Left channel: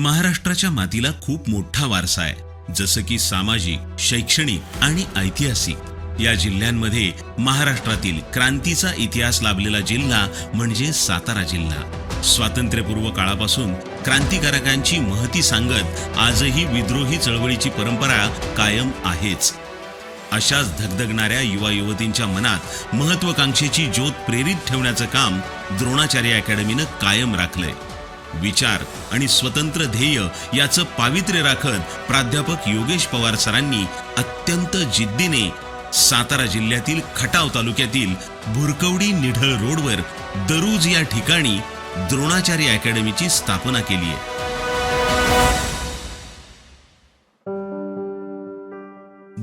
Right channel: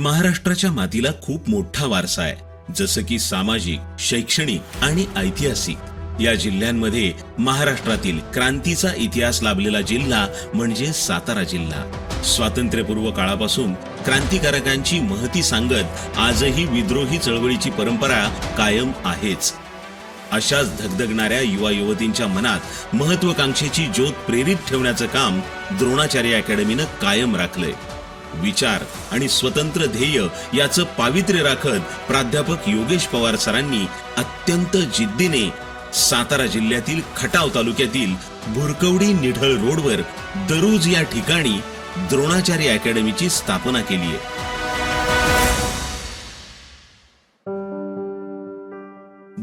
महाराष्ट्राच्या मातीला खूप मोठा वारसा आहे, जसं की सामाजिक, शैक्षणिक आणि ऐतिहासिक. या जिल्ह्यांमध्ये महाराष्ट्रातील क्रांतीचा इतिहास लाभलेला जिल्हा म्हणजे सातारा जिल्हा. स्वातंत्र्यपूर्व काळापासून क्रांतिकारकांची महती सांगत आजही विद्रोही चळवळीची परंपरा कायम आहेच. अशाच धगधगणाऱ्या युवा युवतींच्या मनात महत्वाकांक्षेची ज्योत प्रेरित ठेवण्याचं काम द्रोणाचार्य अकॅडमीनं कायम राखलंय. विचार आणि स्वतंत्र ध्येय याचं पावित्र्य राखत प्राध्यापक योगेश पवार सरांनी अत्यंत जिद्दीने सातारा जिल्ह्यातील खटाव तालुक्यातील भुरकवडी निढळ रोडवर दरुज या ठिकाणी द्रोणाचार्य अकॅडमीची स्थापना केली आहे.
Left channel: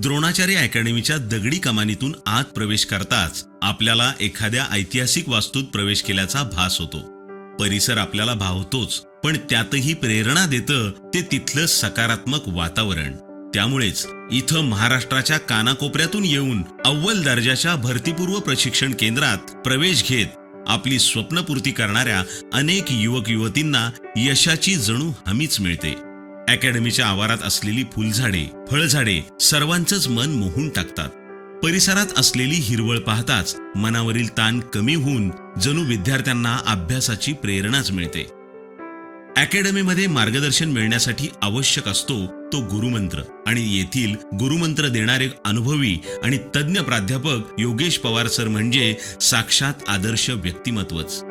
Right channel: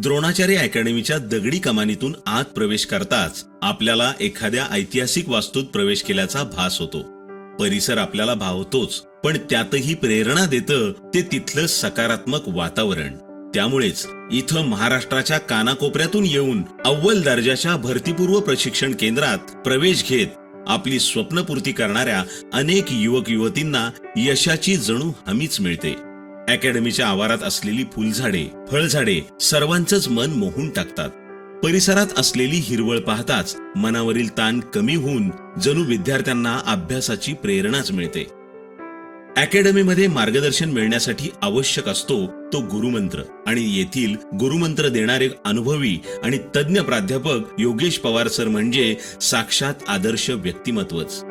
द्रोणाचार्य अकॅडमीच्या दगडी कमानीतून आत प्रवेश करताच आपल्याला एखाद्या ऐतिहासिक वास्तूत प्रवेश केल्याचा भास होतो. परिसर आपल्याला भावतोच, पण त्यातही प्रेरणा देतं ते तिथलं सकारात्मक वातावरण. त्यामुळेच इथं महाराष्ट्राच्या कानाकोपऱ्यातून येऊन अव्वल दर्जाच्या भरतीपूर्व प्रशिक्षण केंद्रात प्रवेश घेत आपली स्वप्नपूर्ती करणाऱ्या अनेक युवक युवतींना यशाची जणू हमीच मिळते. अकॅडमीच्या आवारात असलेली फुलझाडे, फळझाडे सर्वांचंच मन मोहून टाकतात. परिसरात असलेली हिरवळ पाहताच मनावरील ताण कमी होऊन जणू विद्यार्थ्यांना अभ्यासाची प्रेरणाच मिळते. अकॅडमीमध्ये मार्गदर्शन मिळण्यासाठी आवश्यक असतो तो गुरुमंत्र, आणि येथील गुरुमंत्र देणारे अनुभवी आणि तज्ञ प्राध्यापक योगेश पवार सर म्हणजे साक्षात आदर्श व्यक्तिमत्वच.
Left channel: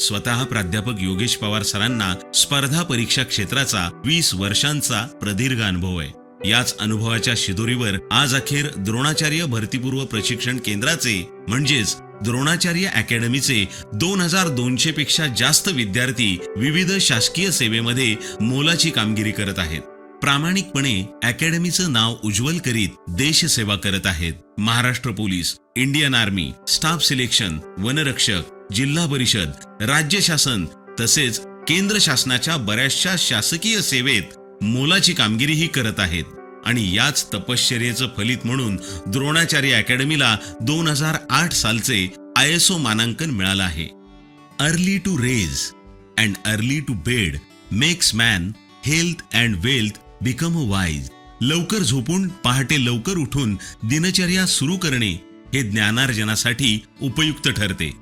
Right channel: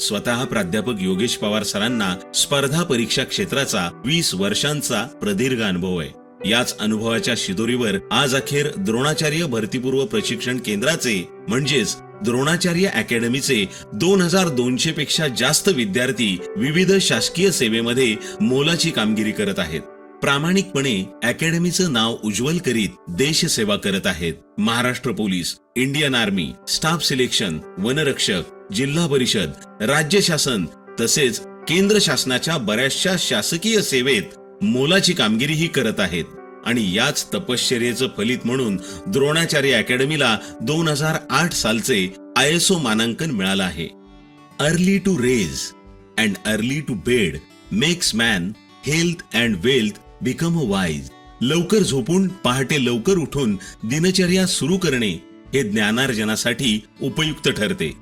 स्वतः प्राध्यापक योगेश पवार सरांना स्पर्धा परीक्षा क्षेत्राचा 20 वर्षांचा प्रदीर्घ अनुभव आहे. याच अनुभवाच्या शिदोरीवर आज अखेर द्रोणाचार्य भरतीपूर्व प्रशिक्षण केंद्राचे म्हणजेच द्रोणाचार्य अकॅडमीचे 2200 पेक्षा जास्त विद्यार्थी विविध शासकीय सेवेमध्ये मोलाची कामगिरी करत आहेत. प्रामाणिकपणे अकॅडमीचं नाव उज्ज्वल करीत देशसेवा करत आहेत. Maharashtra police, Indian army, staff selection, वनरक्षक, जिल्हा परिषद, राज्य शासन तसेच केंद्र शासनाच्या बऱ्याचशा शासकीय सेवेत मोलाची कामगिरीही करत आहेत. आणि याच तपश्चर्येचं फलित म्हणून द्रोणाचार्य अकॅडमीला 2008 सालचे ISO मानांकन मिळालं आहे. Early to rise and early to bed makes man health and wealth become a wise. लवकर झोपून पहाटे लवकर उठून दिनचर्या सुरू करणे हे ज्ञानार्जनासाठी उपयुक्त ठरते.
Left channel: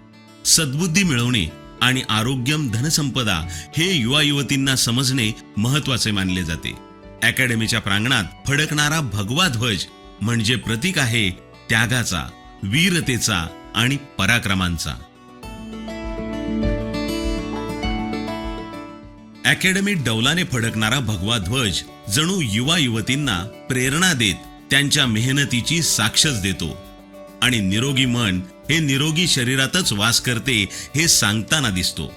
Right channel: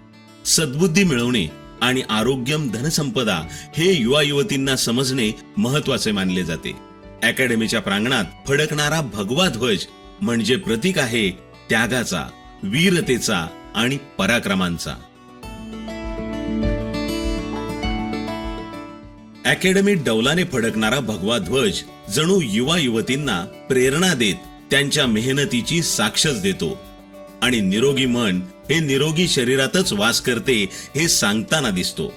सद्बुद्धी मिळवणे आणि आरोग्यम धनसंपदा हे युवा युवतींना समजणे महत्वाचे मानले जाते. अकॅडमीच्या प्रांगणात फडकणारा भगवा ध्वज म्हणजे प्रतीक आहे त्यागाचा, वीरतेचा आणि पराक्रमांचा. अकॅडमीत डौलाने फडकणारा भगवा ध्वज जणू युवा युवतींना प्रेरणा देत त्यांच्या मेहनतीची साक्षच देतो. आणि निरोगी मन हे निरोगी शरीरातच वास करते हे सांगताना दिसतो.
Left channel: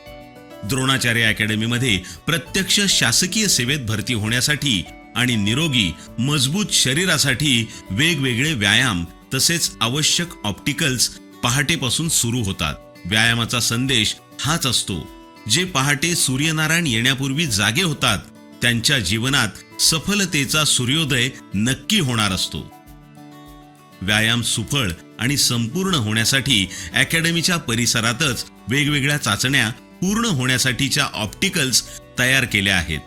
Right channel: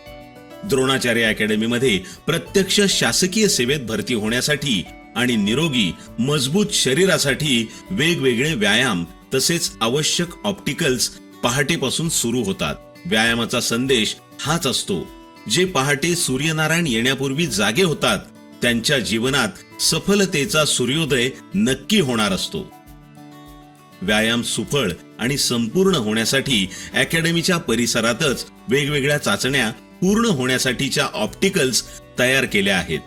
द्रोणाचार्य अकॅडमीमध्ये प्रत्यक्ष शासकीय सेवेत भरती होण्यासाठी आणि निरोगी मजबूत शरीरासाठी वेगवेगळे व्यायाम तसेच आवश्यक ऑप्टिकल्स पहाटेपासून सुरू होतात. व्यायामाचा संदेश हाच असतो, जे पहाटे सूर्यनारायण येण्यापूर्वी जागे होतात त्यांच्या जीवनात सफलतेचा सूर्योदय नक्की होणार असतो. व्यायाम सुफळ आणि संपूर्ण होण्यासाठी अकॅडमीच्या परिसरातच वेगवेगळ्या चाचण्या पूर्ण होण्यासाठीच्या ऑप्टिकल्स तयार केल्या आहेत.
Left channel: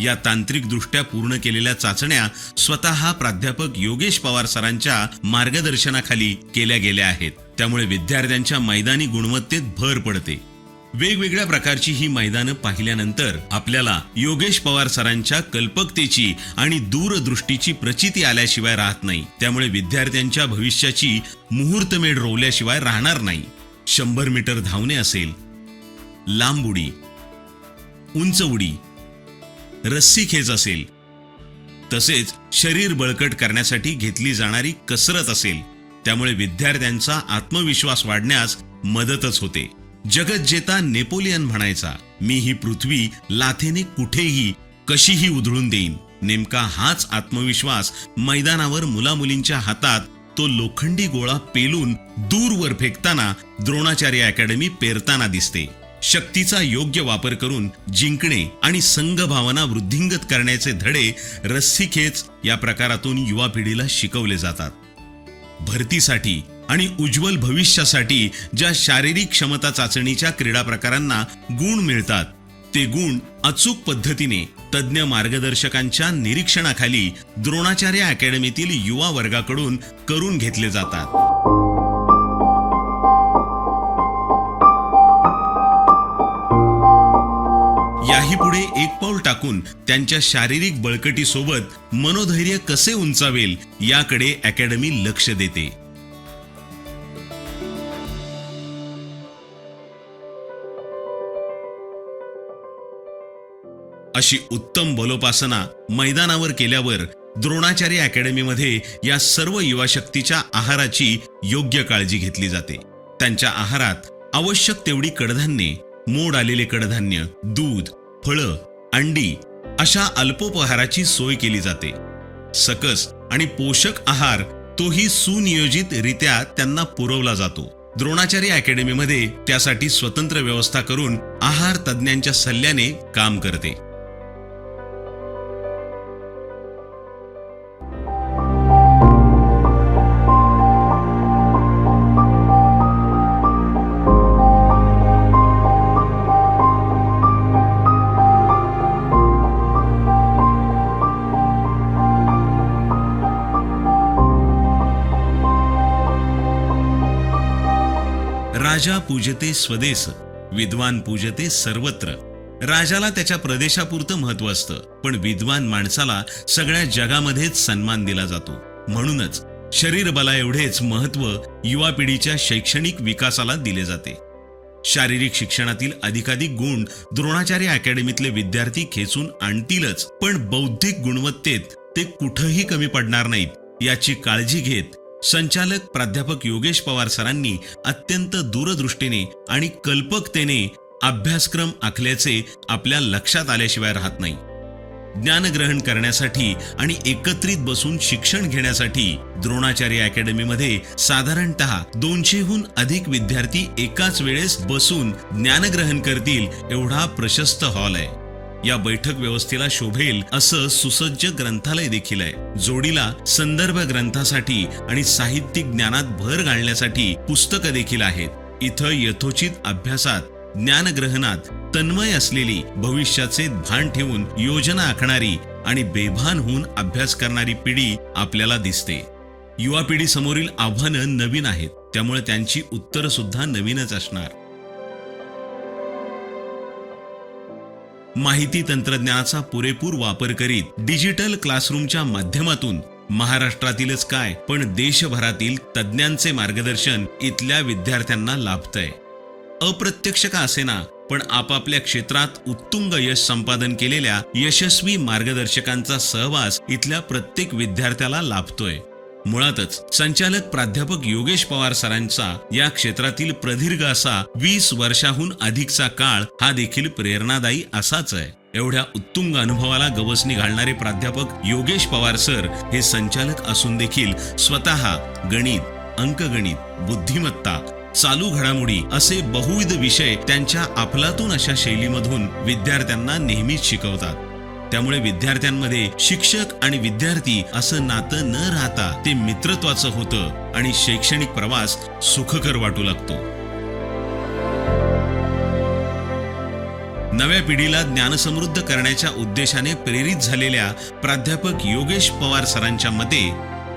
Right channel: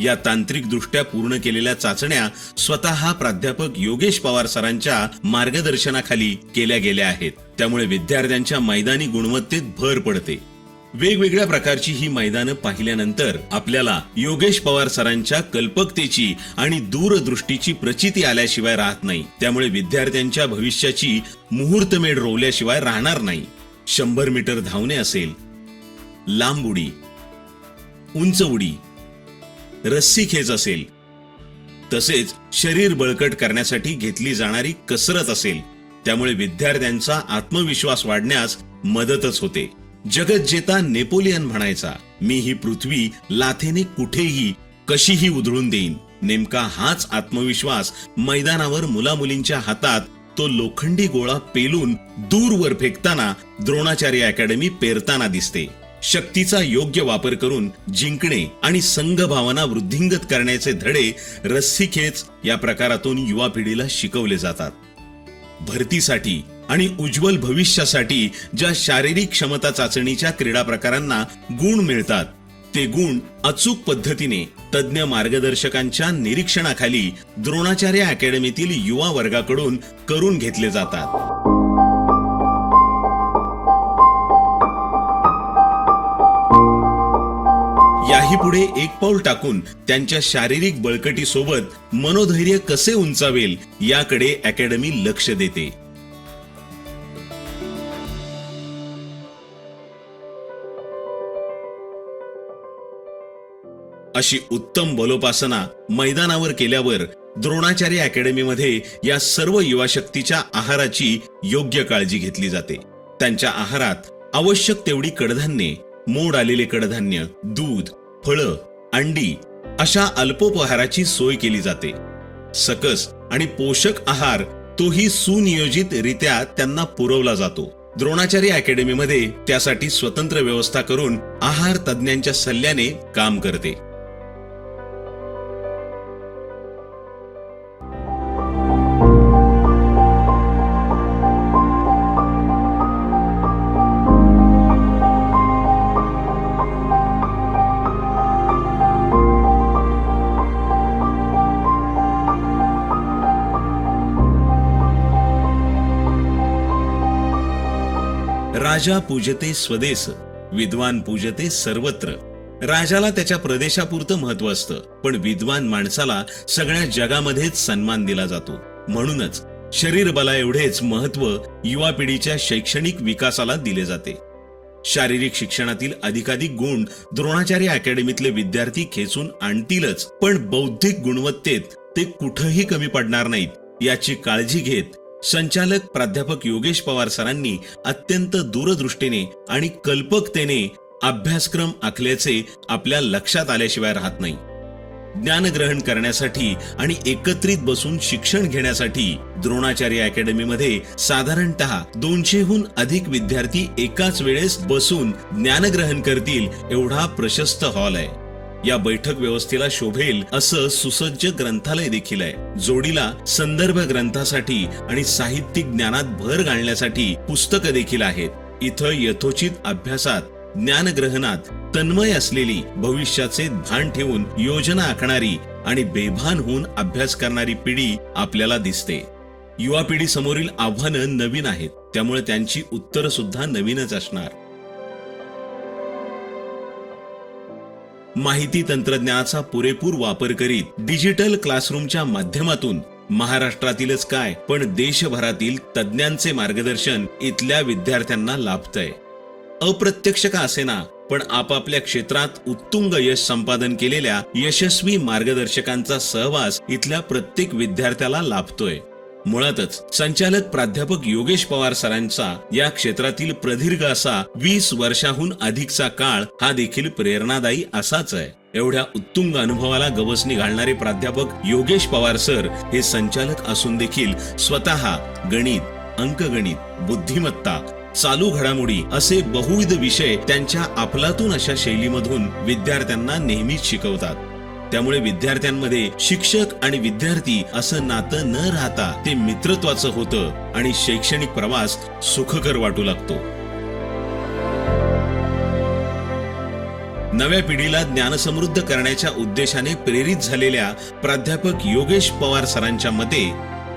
या तांत्रिकदृष्ट्या पूर्ण केलेल्या चाचण्या स्वतः प्राध्यापक योगेश पवार सरांच्या मार्गदर्शनाखाली केल्या गेल्या आहेत. त्यामुळे विद्यार्थ्यांच्या मैदानी गुणवत्तेत भर पडते. वेगवेगळ्या प्रकारची ही मैदानं पाहिल्यानंतर आपल्याला योगेश पवार सरांच्या कल्पकतेची आणि दूरदृष्टीची प्रचिती आल्याशिवाय राहत नाही. त्यामुळे विद्यार्थ्यांच्या भविष्याची मुहूर्तमेढ रोवल्याशिवाय राहणार नाही. 100 मीटर धावणे असेल, लांब उडी, उंच उडी, रस्सी खेच असेल, तसेच शरीर बळकट करण्यासाठी घेतली जाणारी कसरत असेल, त्यामुळे विद्यार्थ्यांचा आत्मविश्वास वाढण्यास मदतच होते. जगज्जेता नेपोलियन म्हणायचा, मी ही पृथ्वी लाथेने कुठेही कशीही उधळून देईन. नेमका हाच आत्मविश्वास मैदानावर मुलामुलींच्या हातात तो लोखंडी गोळा पेलून दूरवर फेकताना द्रोणाचार्य अकॅडमी पेरताना दिसते. शक्तीचा योग्य वापर करून जिंकणे आणि संघभावना वृद्धिंगत करण्याचे धडे रस्सीखेच या प्रकारातून युवा पिढीला शिकवले जातात. भरतीसाठी आणि उज्ज्वल भविष्यासाठी ज्या शारीरिक क्षमता चाचणीच्या क्रीडा प्रकारांना गुण मिळतात, ते गुण अचूक पद्धतीने तज्ञ मार्गदर्शकांच्या निरीक्षणाखाली द्रोणाचार्य अकॅडमीतील युवा वर्गाकडून करून घेतले जातात. याही पुढे एक पाऊल टाकून त्यांच्या शारीरिक बळकटीसोबत मनोधैर्य कसे उंचावेल याकडे अकॅडमी लक्ष देते. अशी उत्तम बलोपासना मैदानावर केल्यावर द्रोणाचार्य अकॅडमीमध्ये या सर्व युवा शक्तीच्या आहाराची योग्य काळजी घेतली जाते. त्यांच्या आहारात आवश्यक तेवढी कडधान्ये, मोड आलेले कडधान्य, दूध, फळं, अंडी अशा अल्पोपहाराची सोय केली जाते. सकस आणि पोषक आहार तोही सुनियोजित रित्या त्यांना पुरवला जातो. द्रोणाचार्य अकॅडमीमध्ये त्यासाठी स्वतंत्र व्यवस्था करून आहार तज्ञांच्या सल्ल्याने काम करते. राजा पूजते स्वदेस, विद्वान पूजते सर्वत्र. राजाला त्याच्या प्रदेशापुरतं महत्व असतं, पण विद्वान माणसाला सगळ्या जगामध्येच सन्मान दिला जातो. म्हणूनच शरीर बला एवढेच महत्व युवा पिढीच्या शैक्षणिक विकासाला दिले जाते. शारीरिक शिक्षणातील अधिकाधिक गुण द्रोणाचार्य अकॅडमीतले विद्यार्थी खेचून आणतीलच, पण बौद्धिक गुणवत्तेत ते कुठंही कमी पडणार नाहीत याची काळजी घेत संचालक प्राध्यापक योगेश पवार सरांनी अत्यंत दूरदृष्टीने आणि कल्पकतेने अभ्यासक्रम आखल्याचे आपल्या लक्षात आल्याशिवाय राहत नाही. ज्ञानग्रहण करण्यासाठी आणि एकत्रित बसून शिक्षण घेण्यासाठी द्रोणाचार्य अकॅडमीमध्ये साधारणतः 200हून अधिक विद्यार्थी एकाच वेळेस बसून ज्ञानग्रहण करतील एवढा प्रशस्त हॉल आहे. या बैठक व्यवस्थेला शोभेल असं सुसज्ज ग्रंथालय देखील आहे. जोडीला संदर्भ ग्रंथासाठी आणि साहित्यिक ज्ञानात भर घालण्यासाठी पुस्तकं देखील आहेत. इथं यथोचित अभ्यासात, ज्ञानग्रहणात तन्मय असलेली, भविष्याचे भान ठेवून योजना आखणारी आणि बेभान होऊन अभ्यास करणारी पिढी आपल्याला दिसते. युवा पिढी समोरील आव्हानं नवीन आहेत, त्यामुळे त्यांची उत्तरं सुद्धा नवीनच असणार. माहिती तंत्रज्ञानाचा पुरेपूर वापर करीत डिजिटल क्लासरूमच्या माध्यमातून महाराष्ट्रातीलच काय पण देशभरातील तज्ञांचे मार्गदर्शन इथल्या विद्यार्थ्यांना लाभतंय. अप्रत्यक्ष का असेना, पण आपापल्या क्षेत्रात उत्तुंग यश संपादन केलेल्या यशस्वी मार्गदर्शकांचा सहवास इथल्या प्रत्येक विद्यार्थ्याला लाभतोय. मुळातच संचालक प्राध्यापक योगेश पवार सरांचा या क्षेत्रातील प्रदीर्घ असा 20 वर्षाहून अधिकचा काळ हा देखील प्रेरणादायी असाच आहे. एवढ्या उत्तुंग अनुभवाला गवसणी घालणारे प्राध्यापक योगेश पवार सर हे संचालक असून देखील स्वतः गणित, अंकगणित, बुद्धिमत्ता, चालू घडामोडी असे बहुविध विषय त्यांच्या अफलातून अशा शैलीमधून विद्यार्थ्यांना नेहमीच शिकवतात. त्यामुळे विद्यार्थ्यांमध्ये शिक्षक आणि विद्यार्थी असं नातं न राहता ते मित्रत्वाचं होतं आणि शैक्षणिक प्रवास सुखकर वाटू लागतो. नव्या पिढीला ज्ञानसमृद्ध करण्याच्या उद्देशाने प्रेरित झालेल्या प्राध्यापक योगेश पवार सरांच्या मते,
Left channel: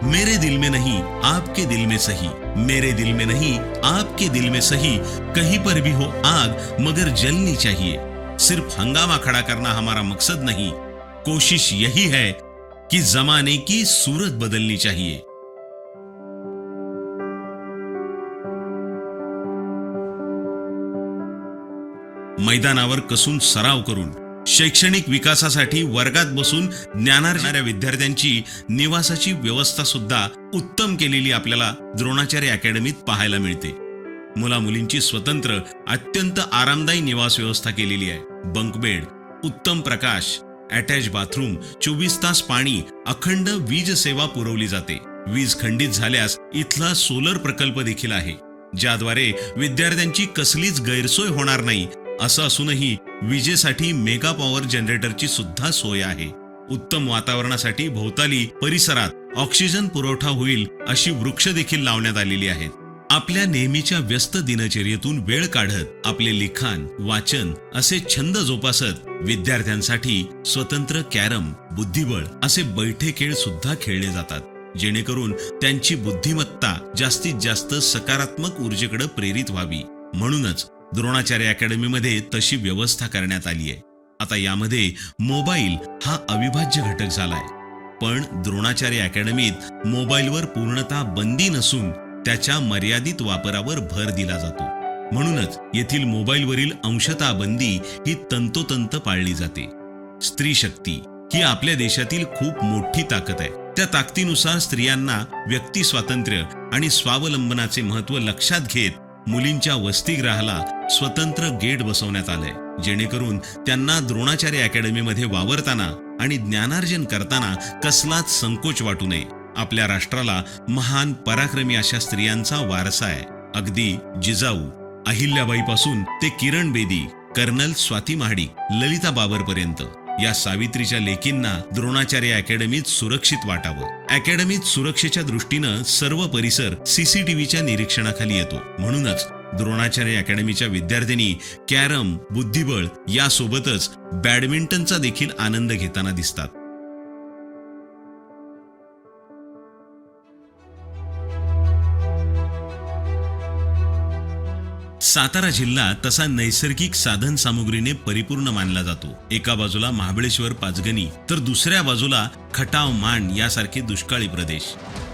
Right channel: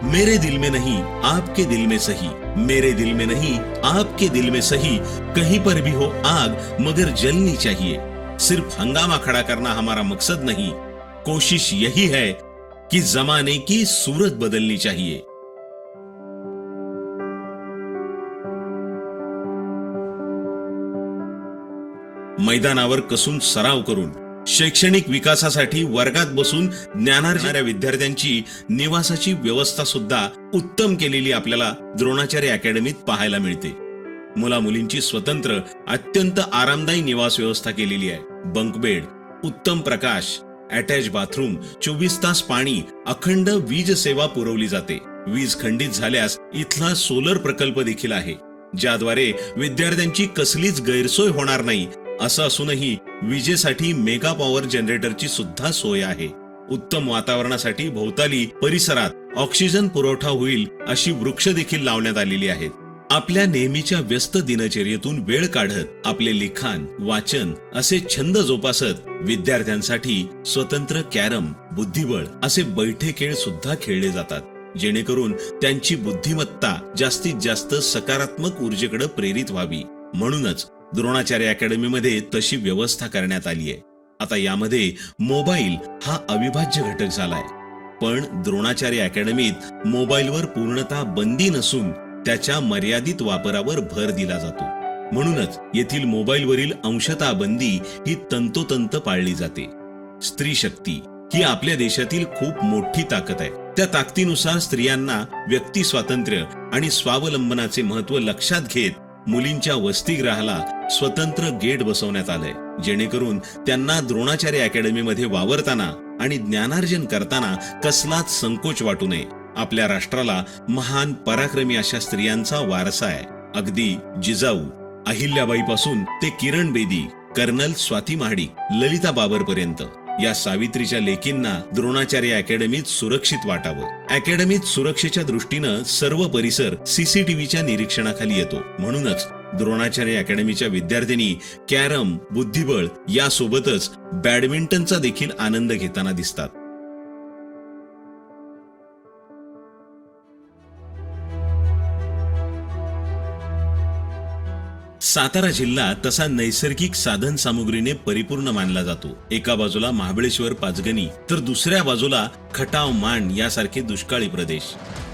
मेरे दिल में नहीं आपके दिल में सही, मेरे दिल में नहीं आपके दिल में सही, कहीं पर भी हो आग मगर जलनी चाहिए. सिर्फ हंगामा खड़ा करना हमारा मकसद नहीं, कोशिश यही है कि जमाने की सूरत बदलनी चाहिए. मैदानावर कसून सराव करून शैक्षणिक विकासासाठी वर्गात बसून ज्ञानार्जनाऱ्या विद्यार्थ्यांची निवासाची व्यवस्था सुद्धा उत्तम केलेली आपल्याला द्रोणाचार्य अकॅडमीत पाहायला मिळते. मुला मुलींची स्वतंत्र अत्यंत आरामदायी निवास व्यवस्था केलेली आहे. बंक बेड, उत्तम प्रकाश, अटॅच बाथरूम, 24 तास पाणी, अखंड वीज सेवा पुरवली जाते. वीज खंडित झाल्यास इथला सोलर प्रकल्प देखील आहे, ज्याद्वारे विद्यार्थ्यांची कसलीच गैरसोय होणार नाही. असं असूनही विजेसाठी मेगा पॉवर जनरेटरची सुद्धा सोय आहे. उत्तम वातावरणासाठी भोवताली परिसरात ऑक्सिजन पुरवठा होईल अशी वृक्ष देखील लावण्यात आलेली आहेत. आपल्या नेहमीच्या व्यस्त दिनचर्येतून वेळ काढत आपले लिखाण, वाचन असे छंद जोपासत विद्यार्थ्यांसाठी स्वतंत्र कॅरम, बुद्धिबळ असे बैठे खेळ सुद्धा खेळले जातात, जेणेकरून त्यांची बुद्धिमत्ता जास्तीत जास्त सकारात्मक ऊर्जेकडे प्रेरित व्हावी. म्हणूनच द्रोणाचार्य अकॅडमीमध्ये तशी व्यवस्था करण्यात आली आहे. आता यामध्ये मोबाईल हा अविभाज्य घटक झालाय, पण द्रोणाचार्य अकॅडमीत मोबाईलवर पूर्णतः बंदी नसून त्याच्या मर्यादित वापरावर भर दिला जातो. म्हणूनच येथील मोबाईलवरील अंशतः बंदी ही तंतोतंत पाळली जाते. स्त्री शक्ती ही आपल्या देशातील खूप मोठी ताकद आहे. त्या ताकदीनुसार स्त्रियांना व्यक्ती स्वातंत्र्य आणि स्वावलंबनाचे महत्त्व लक्षात घेत मुलींच्या वसतिगृहाला स्वतंत्र गेट बसवण्यात आलंय, जेणेकरून त्यांना द्रोणाचार्य अकॅडमीमध्ये वावरताना आणि ज्ञानार्जन करताना कसलाच संकोच वाटू नये. आपल्या राष्ट्राला महान पराक्रमी अशा स्त्रियांचा वारसा आहे. अगदी जिजाऊ अहिल्याबाईपासून ते किरण बेदी, कर्नल स्वाती महाडिक, ललिता बाबर पर्यंत या सावित्रीच्या लेकींना द्रोणाचार्य अकॅडमीत सुरक्षित वाटावं. अकॅडमीत सुरक्षेच्या दृष्टीनं सर्व परिसर सीसीटीव्हीच्या निरीक्षणाखाली येतो. म्हणूनच द्रोणाचार्य अकॅडमीच्या विद्यार्थिनी कॅरम, बुद्धिबळ यासोबतच बॅडमिंटनचा देखील आनंद घेताना दिसतात. सातारा जिल्हा तसा नैसर्गिक साधन सामुग्रीने परिपूर्ण मानला जातो. एका बाजूला महाबळेश्वर, पाचगणी, तर दुसऱ्या बाजूला खटाव, माण यासारखे दुष्काळी प्रदेश.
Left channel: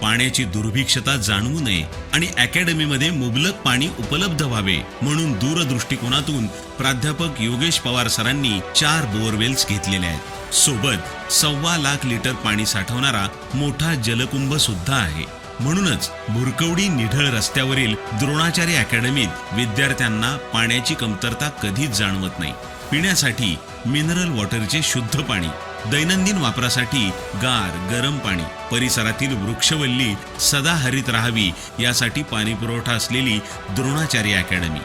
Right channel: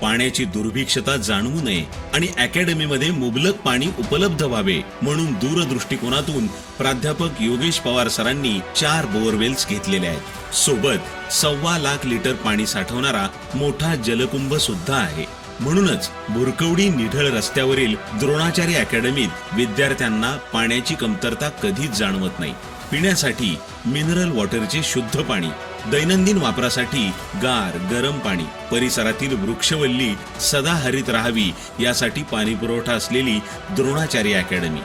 पाण्याची दुर्भिक्षता जाणवू नये आणि अकॅडमीमध्ये मुबलक पाणी उपलब्ध व्हावे म्हणून दूरदृष्टिकोनातून प्राध्यापक योगेश पवार सरांनी 4 बोअरवेल्स घेतलेले आहेत. सोबत 1.25 लाख लिटर पाणी साठवणारा मोठा जलकुंभ सुद्धा आहे. म्हणूनच भुरकवडी निढळ रस्त्यावरील द्रोणाचार्य अकॅडमीत विद्यार्थ्यांना पाण्याची कमतरता कधीच जाणवत नाही. पिण्यासाठी मिनरल वॉटरचे शुद्ध पाणी, दैनंदिन वापरासाठी गार गरम पाणी, परिसरातील वृक्षवल्ली सदाहरित राहावी यासाठी पाणी पुरवठा असलेली द्रोणाचार्य अकॅडमी.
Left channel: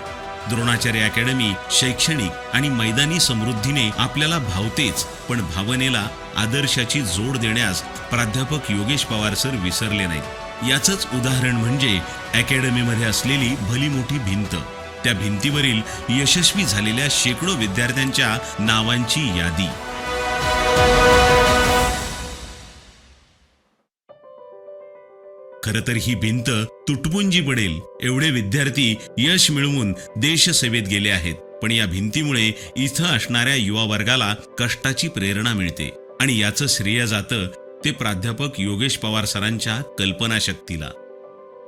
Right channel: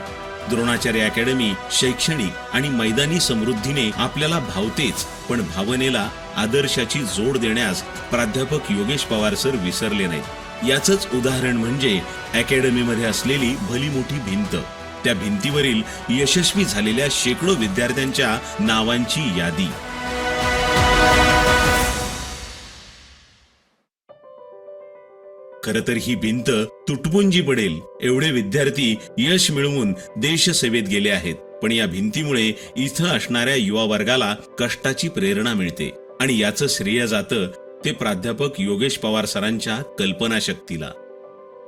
द्रोणाचार्य अकॅडमी शैक्षणिक आणि मैदानी समृद्धीने आपल्याला भावतेच, पण भावनेला आदर्शाची जोड देण्यास प्राध्यापक योगेश पवार सर विसरले नाहीत. याचंच उदाहरण म्हणजे अकॅडमीमध्ये असलेली भली मोठी भिंत. त्या भिंतीवरील यशस्वी झालेल्या शेकडो विद्यार्थ्यांच्या नावांची यादी. खरं तर ही भिंत तुटपुंजी पडेल एवढे विद्यार्थी यश मिळवून देशसेवेत गेले आहेत. पण या भिंतीमुळे इथं असणाऱ्या युवा वर्गाला कष्टाची प्रेरणा मिळते आणि याचं श्रेय जातं ते प्राध्यापक योगेश पवार सरांच्या कल्पनाशक्तीला.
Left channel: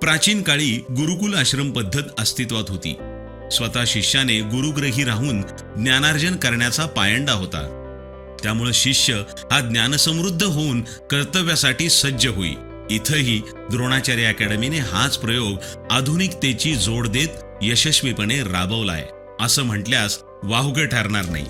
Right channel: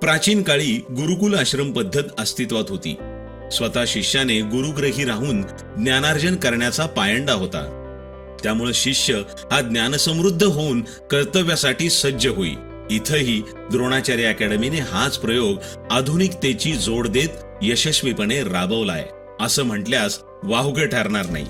प्राचीन काळी गुरुकुल आश्रम पद्धत अस्तित्वात होती. स्वतः शिष्याने गुरुग्रही राहून ज्ञानार्जन करण्याचा पायंडा होता. त्यामुळे शिष्य हा ज्ञानसमृद्ध होऊन कर्तव्यासाठी सज्ज होई. इथंही द्रोणाचार्य अकॅडमीने हाच प्रयोग आधुनिकतेची जोड देत यशस्वीपणे राबवलाय असं म्हटल्यास वावगं ठरणार नाही.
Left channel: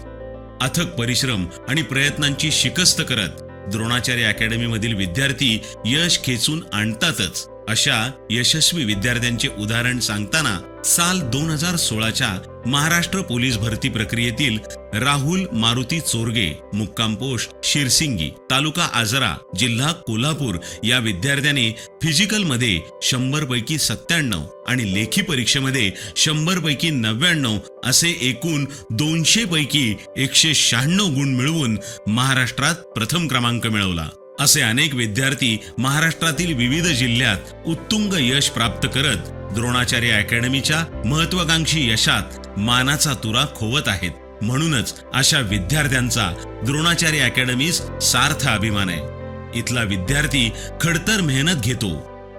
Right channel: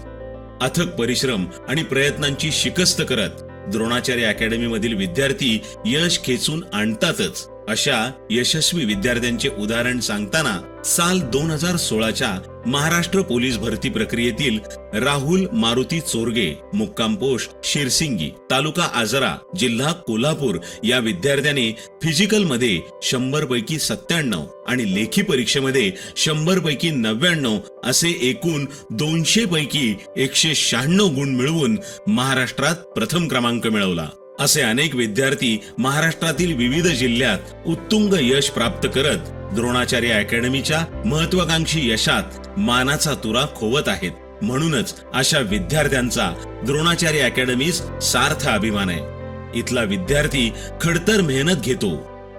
अथक परिश्रम आणि प्रयत्नांची शिकस्त करत द्रोणाचार्य अकॅडमीमधील विद्यार्थी यश खेचून आणतातच. अशा यशस्वी विद्यार्थ्यांचे उदाहरण सांगताना साल 2016च्या महाराष्ट्र पोलीस भरती प्रक्रियेतील राहुल मारुती चोरगे, मुक्काम पोस्ट शिरसिंगी, तालुका आजरा, जिल्हा कोल्हापूर या विद्यार्थ्याने फिजिकल मध्ये 100 पैकी 97 आणि लेखी परीक्षेमध्ये 100 पैकी 99 असे एकूण 200 पैकी 196 गुण मिळवून महाराष्ट्रात प्रथम क्रमांक मिळवला. असे अनेक विद्यार्थी महाराष्ट्रातील विविध जिल्ह्यात उत्तुंग यश प्राप्त करत द्रोणाचार्य अकॅडमीच्या महत्वाकांक्षी यशात मानाचा तुरा खोवत आहेत. म्हणूनच अशा विद्यार्थ्यांचा द्रोणाचार्य अकॅडमीस सार्थ अभिमान आहे. इथला विद्यार्थी खडतर मेहनत घेतो,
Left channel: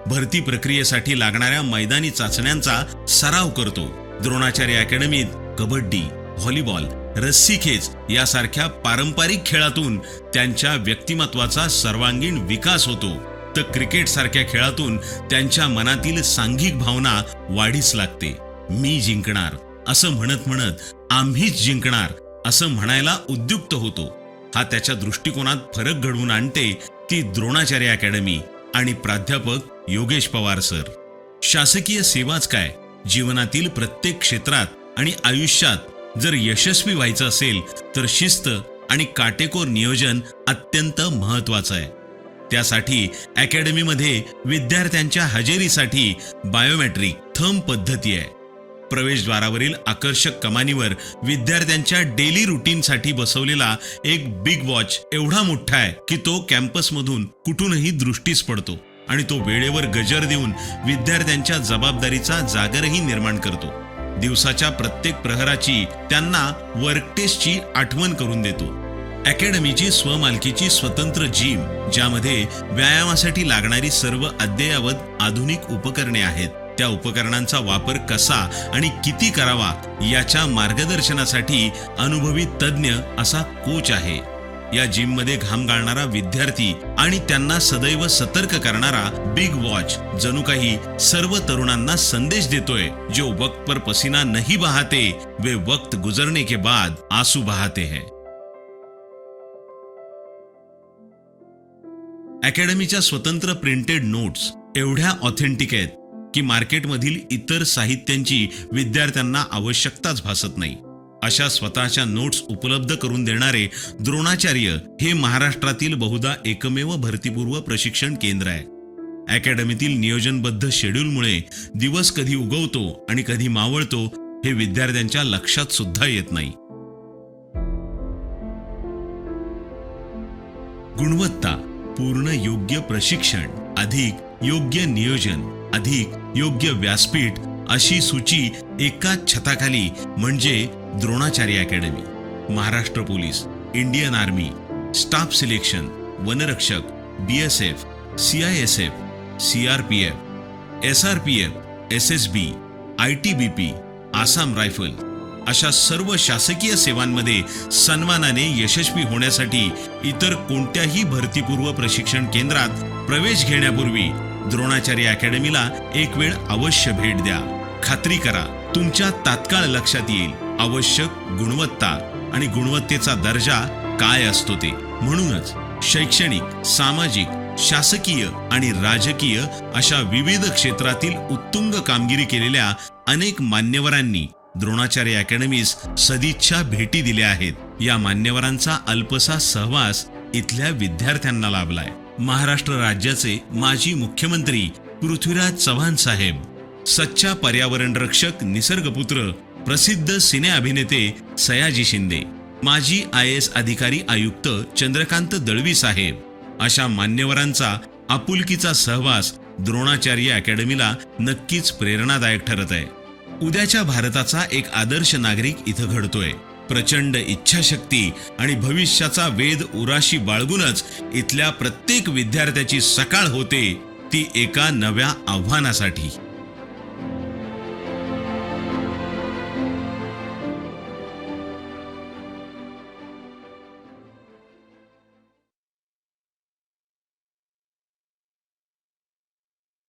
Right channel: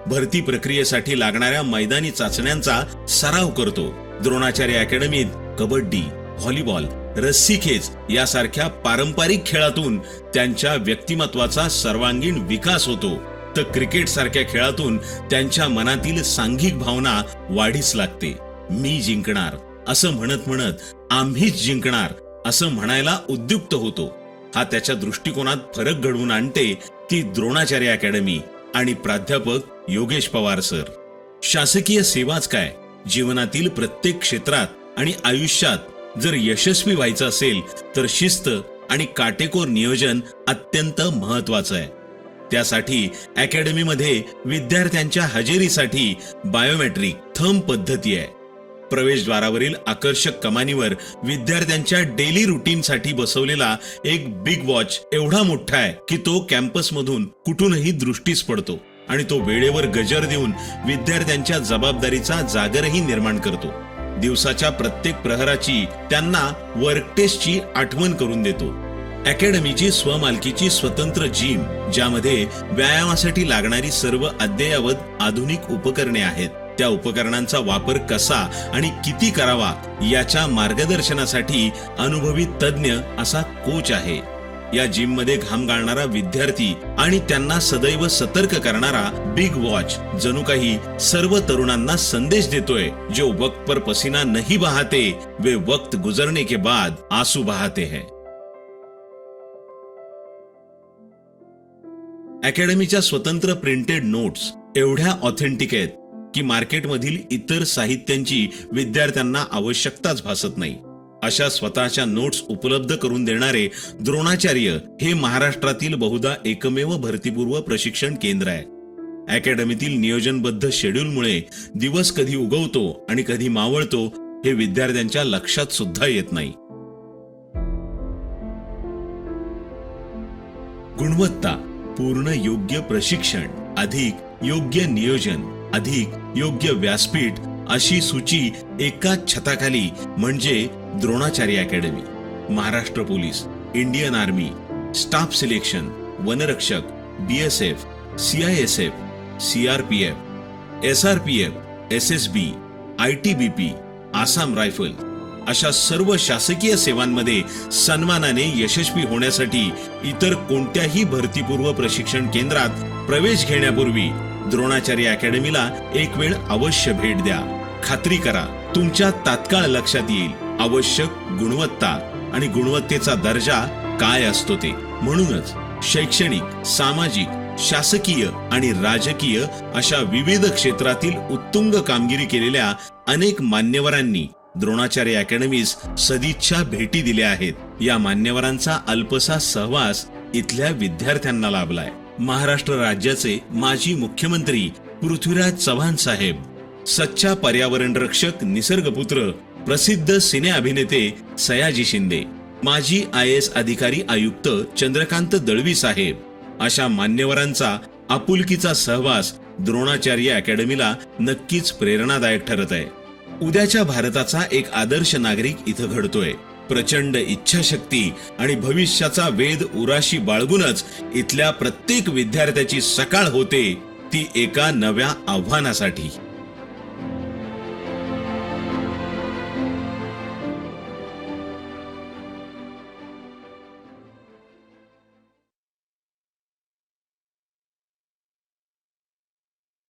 भरती प्रक्रियेसाठी लागणाऱ्या मैदानी चाचण्यांचा सराव करतो. द्रोणाचार्य अकॅडमीत कबड्डी, व्हॉलीबॉल, रस्सीखेच यासारख्या पारंपरिक खेळातून त्यांच्या व्यक्तिमत्वाचा सर्वांगीण विकास होतो, तर क्रिकेट सारख्या खेळातून त्यांच्या मनातील सांघिक भावना वाढीस लागते. मी जिंकणार असं म्हणत म्हणत आम्हीच जिंकणार असं म्हणायला उद्युक्त होतो. हा त्याच्या दृष्टिकोनात फरक घडवून आणते ती द्रोणाचार्य अकॅडमी आणि प्राध्यापक योगेश पवार सर. शासकीय सेवाच काय, जीवनातील प्रत्येक क्षेत्रात आणि आयुष्यात जर यशस्वी व्हायचं असेल तर शिस्त आणि काटेकोर नियोजन अत्यंत महत्वाचं आहे. त्यासाठी अकॅडमीमध्ये विद्यार्थ्यांच्या हजेरीसाठी बायोमेट्रिक, थंब पद्धती आहे. प्रवेशद्वारावरील आकर्षक कमानीवर विद्यार्थ्यांच्या डेली रुटीनसाठी बसवलेला एक बिग वॉच एवढा मोठा आहे की तो कॅम्पसमधून कुठूनही दृष्टीस पडतो आणि तो वेळेवर गजर देऊन विद्यार्थ्यांच्या जबाबदारीचा जागरही निर्माण करतो. दिवसाच्या प्रत्येक प्रहराची त्यांना वर्क टेस्टची आठवण करून देतो. अकॅडमीची स्वमालकीची स्वतंत्र जिम, ज्यामध्ये व्यायामासाठी लागणारी सर्व अद्ययावत आधुनिक उपकरणे आहेत. त्या उपकरणांचा वापर कसा आणि किती करावा याच्या मार्गदर्शनासाठी अनुभवी तज्ञ असा कोच आहे. या जिम मध्ये घाम गाळणारा विद्यार्थी आणि त्यांना सदैव सतर्क करणारा बिग वॉच जणू काही सर्व तरुणांना संदेश देतोय, जो वक्त पर पसीना नहीं बहाते वे वक्त गुजरने के बाद आंसू बहाते हैं. अकॅडमीच्या स्वतंत्र प्रिंटेड नोट्स एवढ्या ऑथेंटिक आहेत की मार्केटमधील इतर साहित्यांची विद्यार्थ्यांना आवश्यकताच भासत नाही. अशा स्वतःच्या नोट्स उपलब्ध करून देणारे द्रोणाचार्य हे महाराष्ट्रातील बहुधा एकमेव भरतीपूर्व प्रशिक्षण केंद्र आहे. अकॅडमीतील नियोजनबद्ध शेड्यूलमुळे दिवस कधी उगवतो आणि कधी मावळतो हे विद्यार्थ्यांच्या लक्षात सुद्धा येत नाही. गुणवत्ता, पूर्ण योग्य प्रशिक्षण, अधिक योग्य नियोजन, अधिक योग्य व्यासपीठ अशी सूची एकाच छताखाली म्हणजे Dronacharya academy. Maharashtra police, Indian army, staff selection, वनरक्षक, BSF, CISF, CRPF, SRPF, SSB, ITBP, Assam rifle अशा सर्व शासकीय सेवांमध्ये सन्मानाने यशस्वी होण्यासाठी इतर कोणत्याही भरतीपूर्व प्रशिक्षण केंद्रात प्रवेश घेण्यापूर्वी द्रोणाचार्य अकॅडमीला एक वेळ अवश्य भेट द्या. खात्री करा तुमच्या तात्काळ लक्षात येईल आवश्यक गुणवत्ता आणि गुणवत्तेचा दर्जा काय असतो ते. म्हणूनच शैक्षणिक, सामाजिक, शासकीय आणि राजकीय अशा विविध क्षेत्रातील उत्तुंग कामगिरी केलेल्या अनेक मान्यवरांनी द्रोणाचार्य अकॅडमीस सदिच्छा भेटी दिल्या आहेत. या मान्यवरांचा अल्पसा सहवास इथल्या विद्यार्थ्यांना लाभलाय. महाराष्ट्र राज्याचे माजी मुख्यमंत्री पृथ्वीराज चव्हाण साहेब, सच्चा पर्यावरण रक्षक निसर्गपुत्र प्रसिद्ध सिने अभिनेते सयाजी शिंदे, माजी IAS अधिकारी आयुक्त चंद्रकांत दळवी साहेब अशा मान्यवरांचा आपुलकीचा सहवास द्रोणाचार्य अकॅडमीला नक्कीच प्रेरणादायक ठरत आहे. उद्याच्या भारताचा एक आदर्श नागरिक इथं घडतोय. प्रचंड इच्छाशक्ती आणि भविष्याचा वेध उराशी बाळगूनच इथल्या प्रत्येक विद्यार्थ्याची सकाळ होते, ती एका नव्या आव्हानासाठी.